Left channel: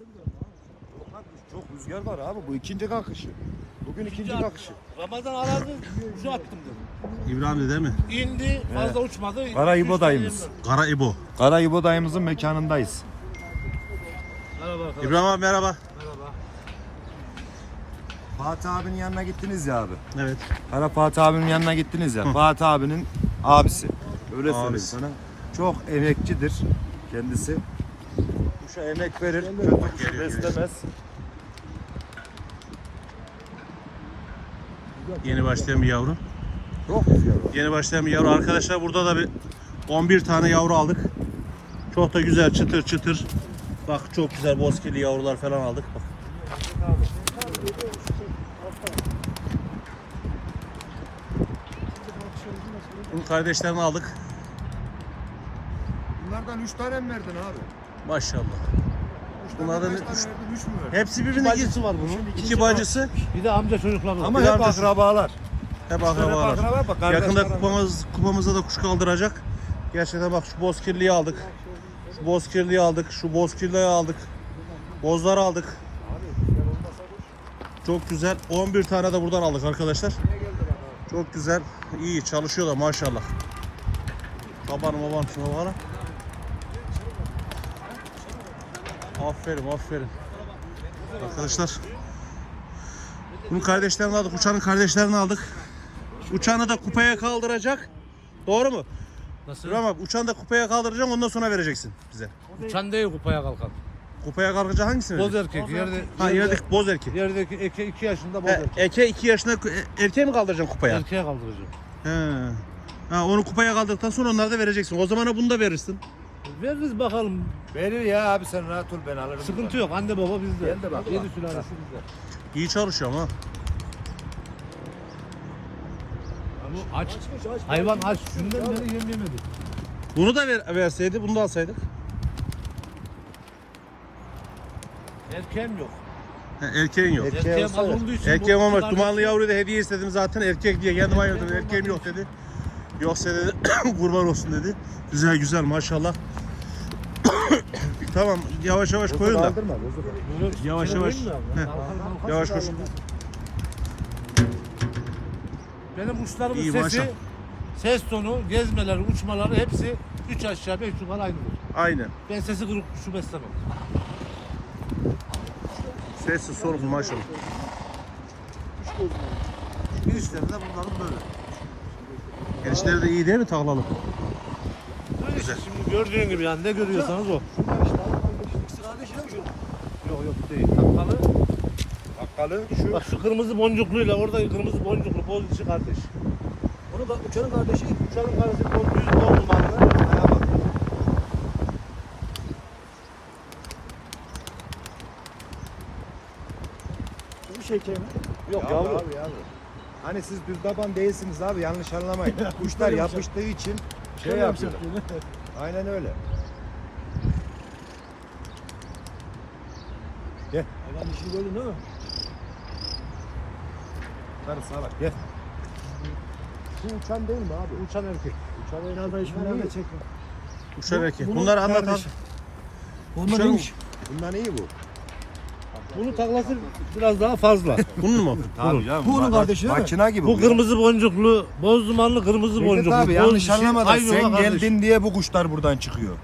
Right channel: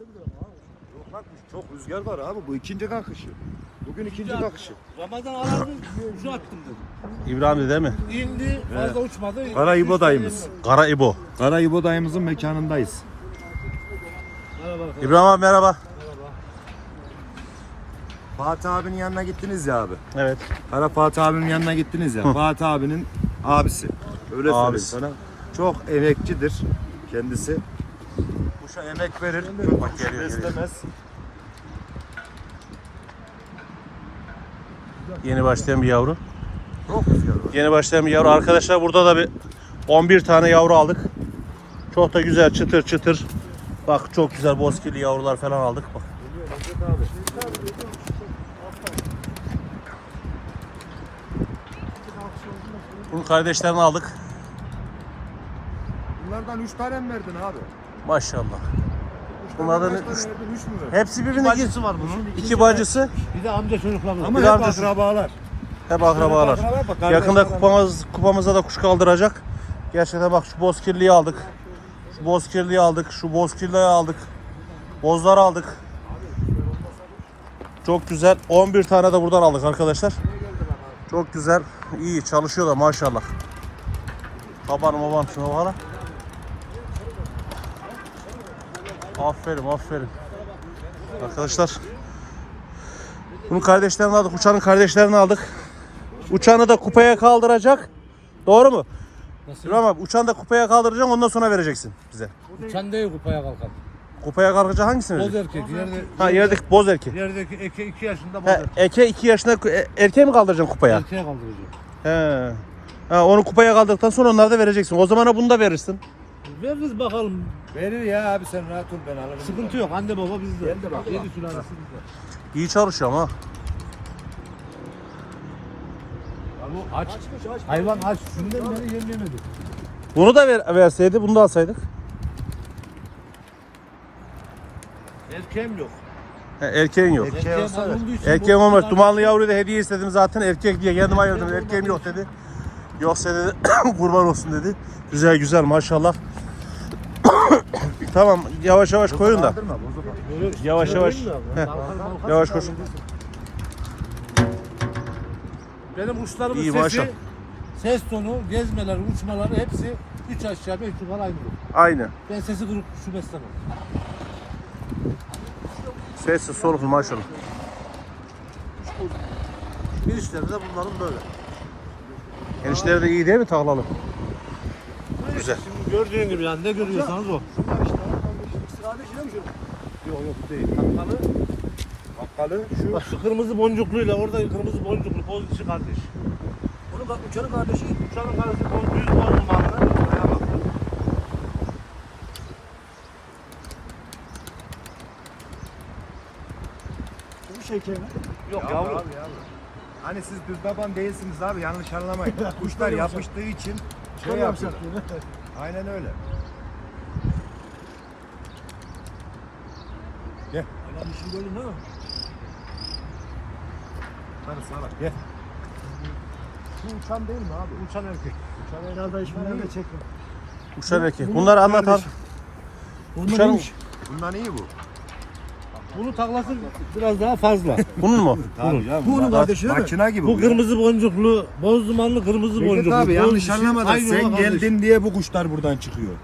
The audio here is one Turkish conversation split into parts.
Yok lan çok rüzgar var abi. Bu ikinci kalkışı. Bugün ikinci kalkışı. Ramazan alanı ucu attım dedim. İbrahim'di değil mi? İndi fazla uçmadı. Kara İbo dayımız. Kara İbo. Kara İbo dayımızın mekanındayız. Merhaba arkadaşlar. İbrahim abi merhaba. Merhaba. Fatih abinin yanına gittiniz ya abi. Evet. Kara Fatih abinin yanına gittiniz ya. Fatih abinin abisi. Öyle söyleyeyim Abisi. sana. Çok emekçidir kendisi. Kuşa emek verir. Bak geliyor, geliyor. Beslemez. Yeni başlayan bir yavru. Yeni başlayan bir yavru. Arkadaşlar burada da bir 11 tane yavru aldık. Çok da güzel çıtır çıtır. Bak çok güzel bozkirli yavrular falan aldık. Bak. Bunun kardeşlerini aldık. Bunlardan 3 tane mi verdin abi? Maşallah. Kaç üç- tane verdin? 3 mü verdin? Hepsi birbirine gir. Bacısı var bunun. İki bacısı. Bir de amca çocukları var. Ama Bir hep amcası. akrabalar. Hep akrabalar. akraba bak. kardeş Yakında kupamız, kupamıza da kuş kaldıracak. Gerçekten bak şu bozkirliyi aldık. Şu bozkirliyi aldık. Şu bozkirliyi aldık. Bozlar aldık. Çok güzel. 11 tane de buradan aldık arkadaşlar. Çok güzel. İyi çalışıyor da maşallah. Babanım babam şuna bana. Aferin aferin. Arkadaşlar. Bunun kardeşlerini aldık. Uçanın kardeşlerini aldık. Uçanı da kupaya kaldıracak. Doğru mu? Nasıl? Abi. Uçanı da kupaya kaldıracaksın ondan sonra vereceksin bize. Uçan değil kupaya kalkan. Kupaya kalkacak hangisini Boz vereceksin? erkek. Yerde, Ha yerdeki boz erkek. Yerdeki eke 2 yaşında boz erkek. eke 2 yaşında e, erkeği mi kaldıracaksın kupaya? Erkeğe kaldıracak. He. Ha, onu kupaya kaldırdıktan sonra onları da vereceksin. O zamana bunu da verirsin. Veririz bakalım. Verir ya abi sen rahat ol ben alırım. Sıkıntı yok. Anne baba bizde. Ben de bak. Yedi sülalesi bizde. İyi çalışıyor ama. Bu aç. Hayvan aç. Şundan beri yem yemedi. Bunu da ver, verseydi bunu da alsaydık. Erkeğim yok. He, erkeğin yok. Erkeğim az olduğu için. Erkeğim bu olmaz. kadar- Dumanlı yavruyu da hediye istedim zaten. Erkek diye kendim ayırdım. Erkeğim yok dedi. Yoksa dedi kurban olsun dedi. Güzel güzel maşallah. Tamam yavaş yavaş koyun da. Yavaş yavaş. Heh, Yavaş koş. Benim uçlarımın İyi, sesi, maşallah. ses tonu, gezmeleri, uçmaları hepsi 3 aşağı 5 yukarı aynıdır. Aynen. Ben sesi kırık kuşu beslemem. Sessiz soluklu maşallah. Girişleri de bunların böyle. Gençler de iyi değil mi taklalı? Güzel. Şimdi gördüğün gibi yani ne görüyorsanız o. Yok yok bu değil. Takkalı. Bakkalı şu. Bak şu kırmızı boncukluyla orada kırmızı boncuklu boz içi kardeş. Onu da uçanın kardeşi. Uçanın yüz boz Bir şey kemi. Yok yavru. Hani siz bir baban değilsiniz abi yanlış anlamayın. Kuşlar yapıştığı için şey Şey yapıyor. Aynen öyle. İşin golü değil mi? Hadi sağa bak gel. Bu uçan değil mi abi? Uçan erkek. Uçan herhalde işinden de çekme. Uçar erkek. Bunun Bunları anlat abi. Bunun Uçan- iyiymiş. Bundan iyi bu. Bunun taklası biraz daha fazla. Bunun mu? Tabii canım. Bu onun bak- kardeşi değil mi? Makina gibi. Bu ya. kırmızı boncuklu, boz dumanlı kırmızı Recep boncuklu. abi boz yanlış dişi, anlamadın. aynı Sen olan kardeş. geldin diye bu kuşlar buradan çıkıyor.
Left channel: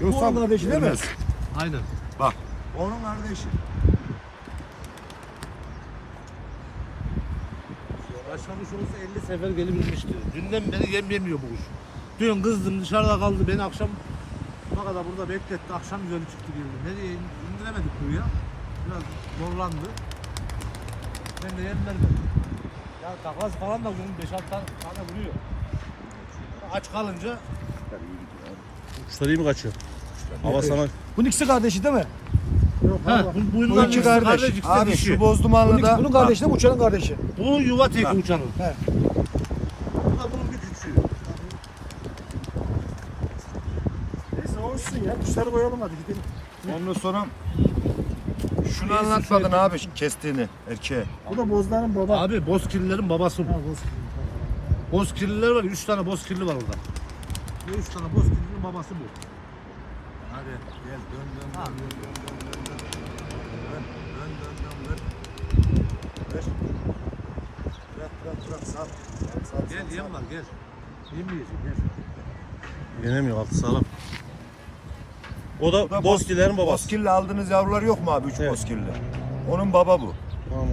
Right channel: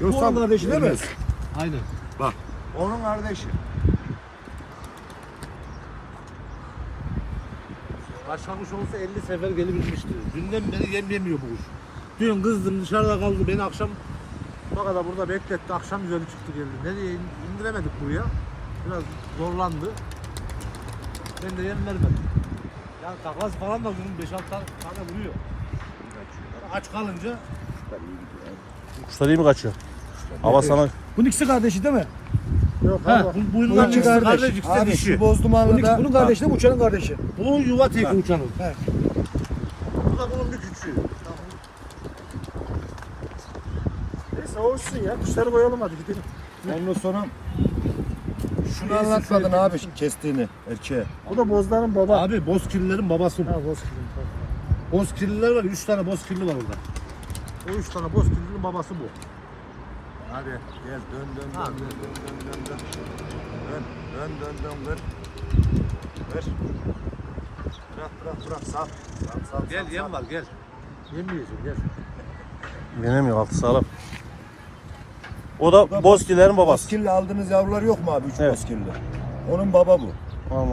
Bu onun kardeşi değil mi? Aynen. Bak. Onun kardeşi. Başlamış olsa 50 sefer gelebilmişti. Dünden beri yem yemiyor bu kuş. Dün kızdım dışarıda kaldı beni akşam bak da burada bekletti. Akşam üzeri çıktı geldi. Nereye in- indiremedik buraya. Biraz zorlandı. Ben de yem verdim. Yani takas falan da bunun 5-6 tane, vuruyor. Aç kalınca Kuşlar iyi mi kaçıyor? Hava sana Bunun ikisi kardeşi değil mi? Yok ha, bu, Bu bunların iki ikisi kardeş. kardeş, ikisi Abi dişi. şu Bunun, bozdumanlıda. bunun kardeşi de bu uçanın kardeşi. Bu yuva teki uçanın. He. Bu da bunun bir küçüğü. Neyse olsun ya. Kuşları koyalım hadi gidelim. Ondan sonra şunu anlatmadın abi kestiğini erkeğe. Bu da bozların baba. Abi bozkirlilerin babası bu. Ha bozkırın. Bozkirliler var. 3 tane bozkirli var orada. O 3 tane bozkirlinin babası bu. Hadi. Gel dön dön Ha. dön dön dön dön dön. Dön dön dön dön ver. Bırak bırak bırak sal. Sal sal. Gel yem var gel. Yem yiyorsun gel. Binemiyor altı sağlam. O da da Bozkilerin babası. Bozkirli aldığınız yavrular yok mu abi? Üç Evet. bozkirli. Onun baba bu. Tamam.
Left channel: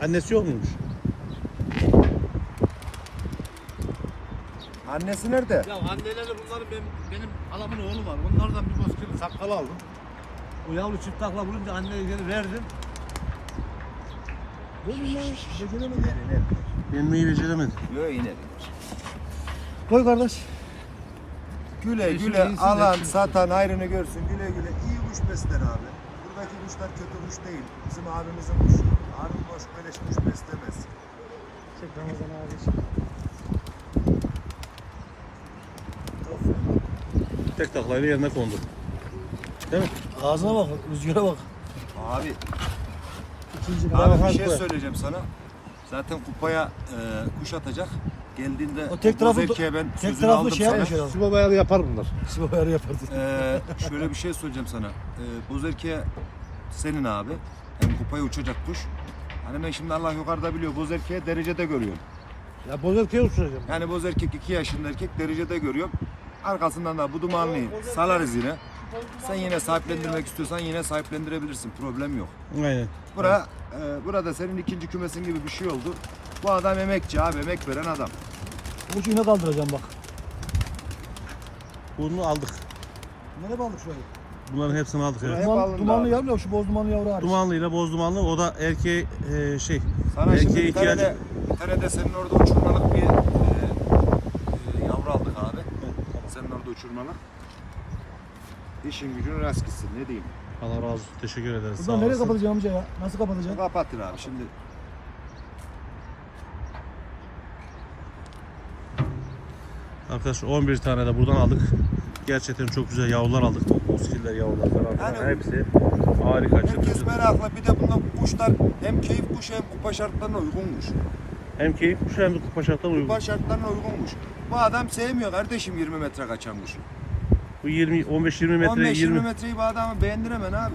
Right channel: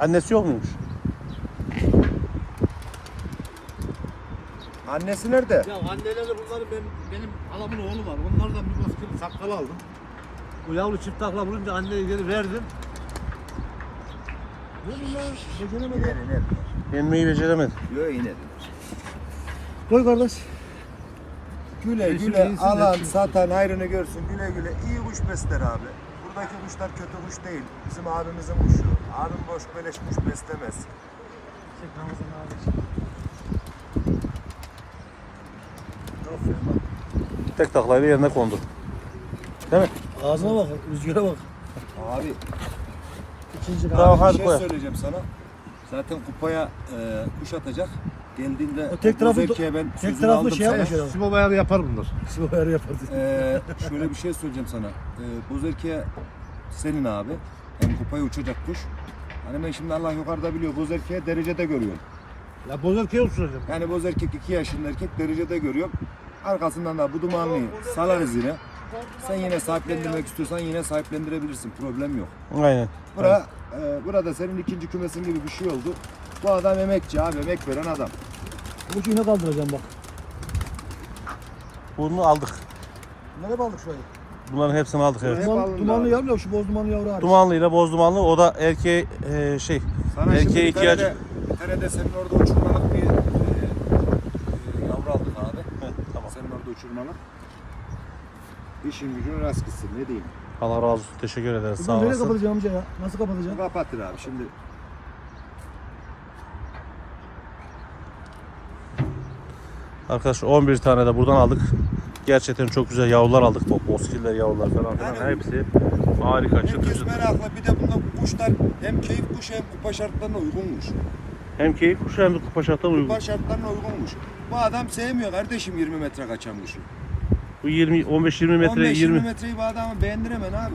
Annesi yok muymuş? Annesi nerede? Ya anneleri bunların benim, benim halamın oğlu var. Onlardan bir bozkırlı sakkalı aldım. Bu yavru çift takla vurunca anneye geri verdim. Yenmeyi beceremedi. Yok yine. Koy kardeş. Güle güle iyisi alan satan ayrını görsün. Güle güle iyi kuş besler abi. Buradaki kuşlar kötü kuş değil. Bizim abimizin kuşu. Abim boş beleş kuş beslemez. Tek taklayla yerine kondu. Değil mi? Ağzına bak, rüzgara bak. Abi, İkinci abi bir şey söyleyeceğim sana. Zaten kupaya e, kuş atacak. Geldiğinde O tek tarafı- ben tek sözünü taraflı aldım şey sana. yapmış herhalde. Sibo bayağı yapar bunlar. Sibop ayarı yapardı. Ee, şöyle bir şey söyleyeceğim sana. Ee, Bozerke senin abi. Hem kupaya uçacak kuş. Hani ben şimdi Allah yukarıda biliyor. Bozerke'ye derecede görüyorum. Ya bozerkeye uçuracağım. Yani boz erkek 2 yaşında erkek derecede görüyorum. Arkasından da bu dumanlıyı salarız yine. Sen yine sahiplendirmek istiyorsan yine sahiplendirebilirsin. Problem yok. Aynen. Bura, e, burada senin ikinci kümesin gibi bir şey oldu. Bu adam emekçi abi, emek veren adam. Ucu yine kaldıracağım bak. Bunu aldık. Nereye aldık şurayı? Bunların hepsini aldık evet. Hep Duman, alındı dumanlı abi. yavru şu boz dumanlı yavru hariç. Dumanlı ile boz dumanlı o da erkeğe e, şey Sana şimdi erkeğe bir ihtiyacı. tane de, bir tane de senin orada uçurmalık bir e, e, yavru aldık abi. Uçurmalık. İşin gücün rast gitsin ne diyeyim. Allah razı olsun. Teşekkür ederiz. Sağ nereye olasın. kapatacağım amca ya? Nasıl kapatacağım? Kapatır abi şimdi. Arkadaşlar 11 tane de buradan aldık. Gerçekten çok güzel yavrular aldık. Bozkiller yavrular falan. Yani- Hepsi harika çıtır Herkes çıtır. meraklı. Bir de bunda kuşlar hem keyif kuşu hem kupa şartlarına uygunmuş. Hem keyif kuşu hem de kupa şartlarına uygun. Kupa şartlarına uygunmuş. Bu adam sevmiyor kardeşim 20 metre kaçan kuşu. Bu 20 15-20 metre 15-20 20 metreyi bu adamı beğendiremen abi.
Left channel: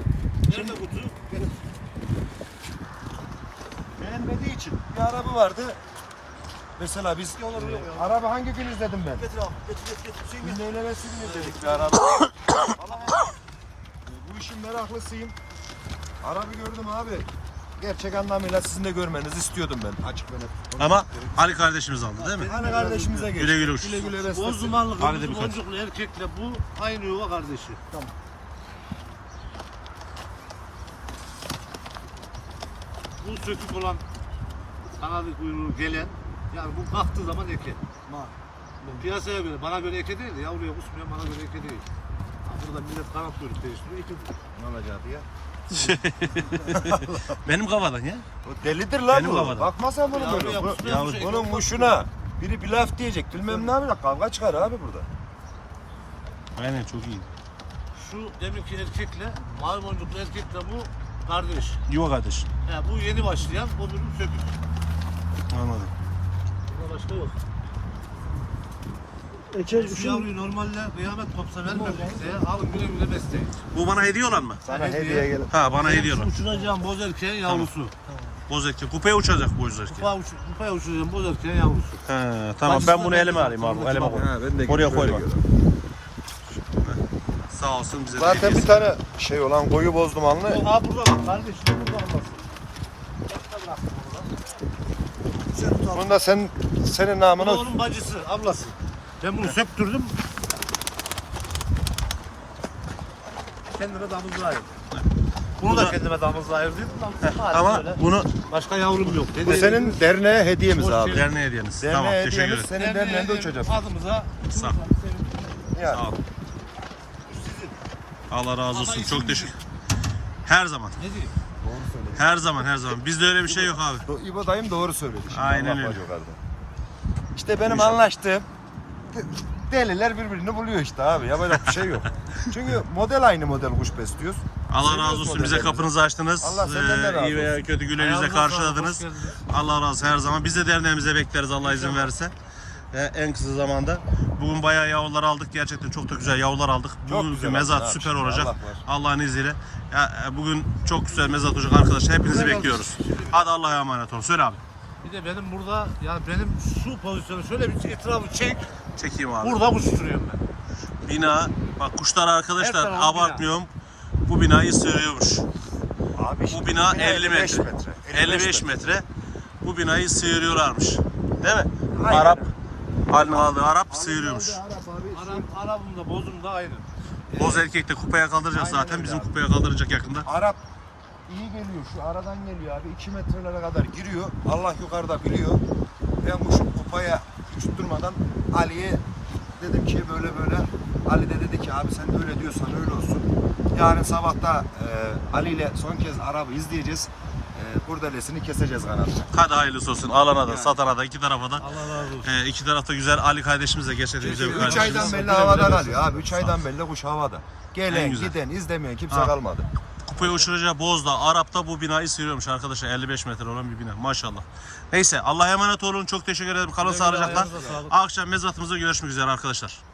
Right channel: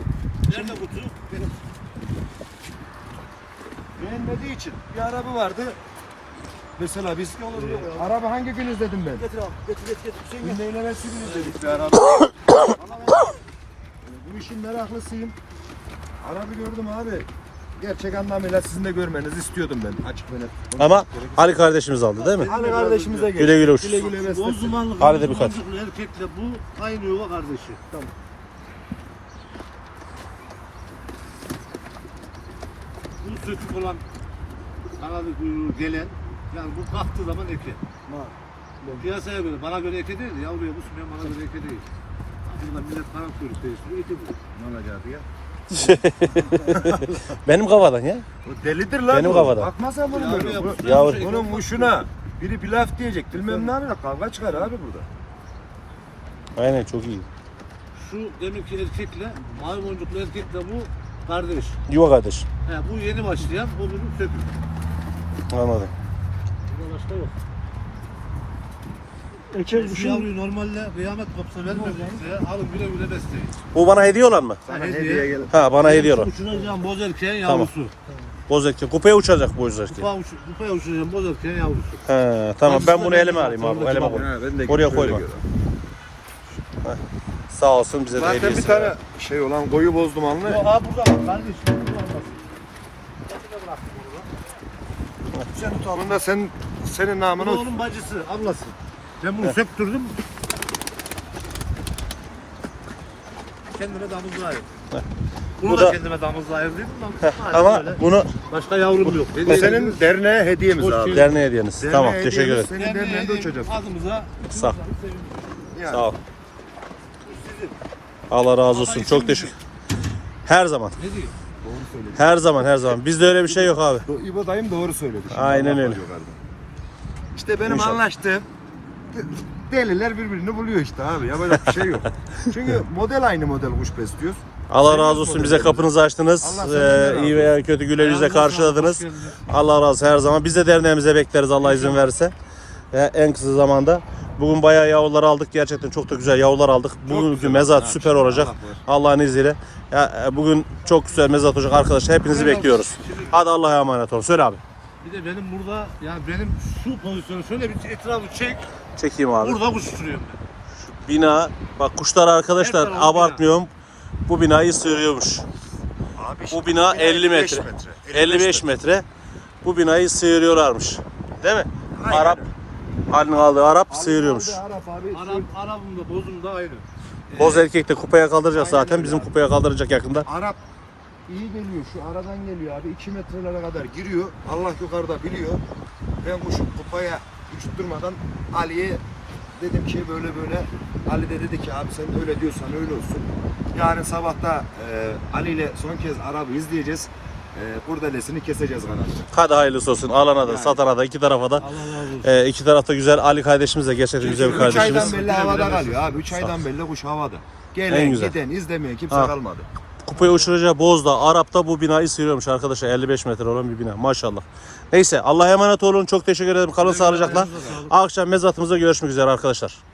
Nerede kutu? Beğenmediği için. Bir araba vardı. Mesela biz araba hangi gün izledim ben? Getir abi, getir getir getir. Hüseyin gel. Günde evvelsi gün izledik bir araba. bu işin meraklısıyım. Araba gördüm abi. Gerçek anlamıyla sizin de görmenizi istiyordum ben açık ve net. Ama Ali kardeşimiz aldı değil mi? Hani kardeşimize geç. Güle güle uç. Güle güle beslesin. Boz dumanlı Hadi de kırmızı birkaç. boncuklu erkekle bu aynı yuva kardeşi. Tamam. Bu sökük olan kanadı kuyruğu gelen yani bu kalktığı zaman eke. Bak. Piyasaya göre bana göre eke değil yavruya kusmayan bana göre eke değil. Burada millet kanat kuyruk değiştiriyor eke değil. Ne olacak ya? Benim kafadan ya. Bu delidir lan Benim bu. kafadan. Bakma sen bunu Yavru böyle. Bu- yapmış. Yavru. Bunun kuşuna biri bir laf diyecek bilmem ne yapacak kavga çıkar abi burada. Aynen çok iyi. Şu deminki erkekle mavi boncuklu erkekle bu kardeş. Yuva kardeş. He, bu yeni başlayan o bir sökük. Anladım. Burada başka yok. Eke Şu şu yavruyu normalde kıyamet kopsa vermem kimseye. Alın güle güle besleyin. Bu bana hediye olan mı? hediye. Ha bana hediye olan. Uçuracağım boz erkeğin Tamam. yavrusu. Boz erkek. Kupaya uçacak boz erkek. Kupa, uç, kupaya uçuracağım boz erkeğin yavrusu. Ha, tamam ben bunu elime alayım abi. Elime koy. Oraya koyma. Sağ olsun bize de Zaten hediyesi. bir tane şey olan koyu boz dumanlı. Aa burada bak kardeş. Burada olmasın. Bunun da senin, senin namına Bunun bacısı, ablası. Ben bunu söktürdüm. Kendime damızlığa ayırdım. Bunu Bu da, da- kendime damızlığa ayırdım. Ama bunu Başka yavrum yok. Bu senin derneğe hediyemiz abi. geldin. derneğe hediyeniz. Tamam Derneğe teşekkür ederim. Senin derneğinde uçacağız. Adımıza Sağ ol. Sağ ol. Allah razı olsun. Çok teşekkür. Her zaman. ne diyeyim? Her zaman her zaman. Bizde öyle bir şey yok abi. İbo dayım doğru söyledi. Şimdi Aynen Allah öyle. İşte benim İnşallah. anlaştığım de- deliler birbirini buluyor işte abi. Yapacak bir şey yok. Çünkü model aynı model kuş besliyoruz. Allah razı olsun bize kapınızı açtınız. Allah senden de razı Ee, iyi veya kötü güle yüzle karşıladınız. Allah razı olsun her zaman. Biz de derneğimize bekleriz Allah izin verirse. e, en kısa zamanda. Bugün bayağı yavrular aldık. Gerçekten çok da güzel yavrular aldık. Bugünkü güzel mezat oldu. süper olacak. Allah. Allah'ın izniyle. Ya, e, bugün çok güzel mezat olacak arkadaşlar. Hepinizi bekliyoruz. Hadi Allah'a emanet olun. Söyle abi. Bir de benim burada yani benim şu pozisyonu şöyle bir etrafı çek. Çekeyim abi. Burada kuş tutuyorum ben. Bina bak kuşlar arkadaşlar Her tarafı abartmıyorum. Bu binayı sığırıyormuş. Abi Bu bina 50 metre. 55 metre. Bu binayı sıyırıyorlarmış. Değil mi? Arap Ali'nin aldığı Arap sıyırıyormuş. Arap abi. Arap, Arap'ım da bozum da aynı. Boz erkek de kupaya kaldıracak Aynen zaten. öyle Bizim abi. kupaya kaldıracak yakında. Arap iyi geliyor. Şu aradan geliyor abi. 2 metrelere kadar giriyor. Allah yukarıda biliyor. Ben kuşu kupaya uçutturmadan Ali'ye dedim ki böyle böyle Ali de dedi ki abi sen öyle diyorsan öyle olsun. Yarın sabahta e, Ali ile son kez Arap'ı izleyeceğiz. E, kurdelesini keseceğiz kanatla. Hadi hayırlısı olsun. Alana da Yani. satana da iki tarafa da. Allah razı olsun. E, iki tarafta güzel. Ali kardeşimiz de gerçekten güzel bir 3 aydan kardeşimiz. belli havada kalıyor abi. 3 aydan belli kuş havada. En Gelen giden izlemeyen kimse Ha. kalmadı. Kupaya uçuracağı Bozda, Arap'ta bu binayı sıyırıyormuş arkadaşlar. 55 metre olan bir bina. Maşallah. Neyse Allah'a emanet olun. Çok teşekkür ederim. Kalın sağlıcakla. Akşam mezatımızda görüşmek üzere arkadaşlar.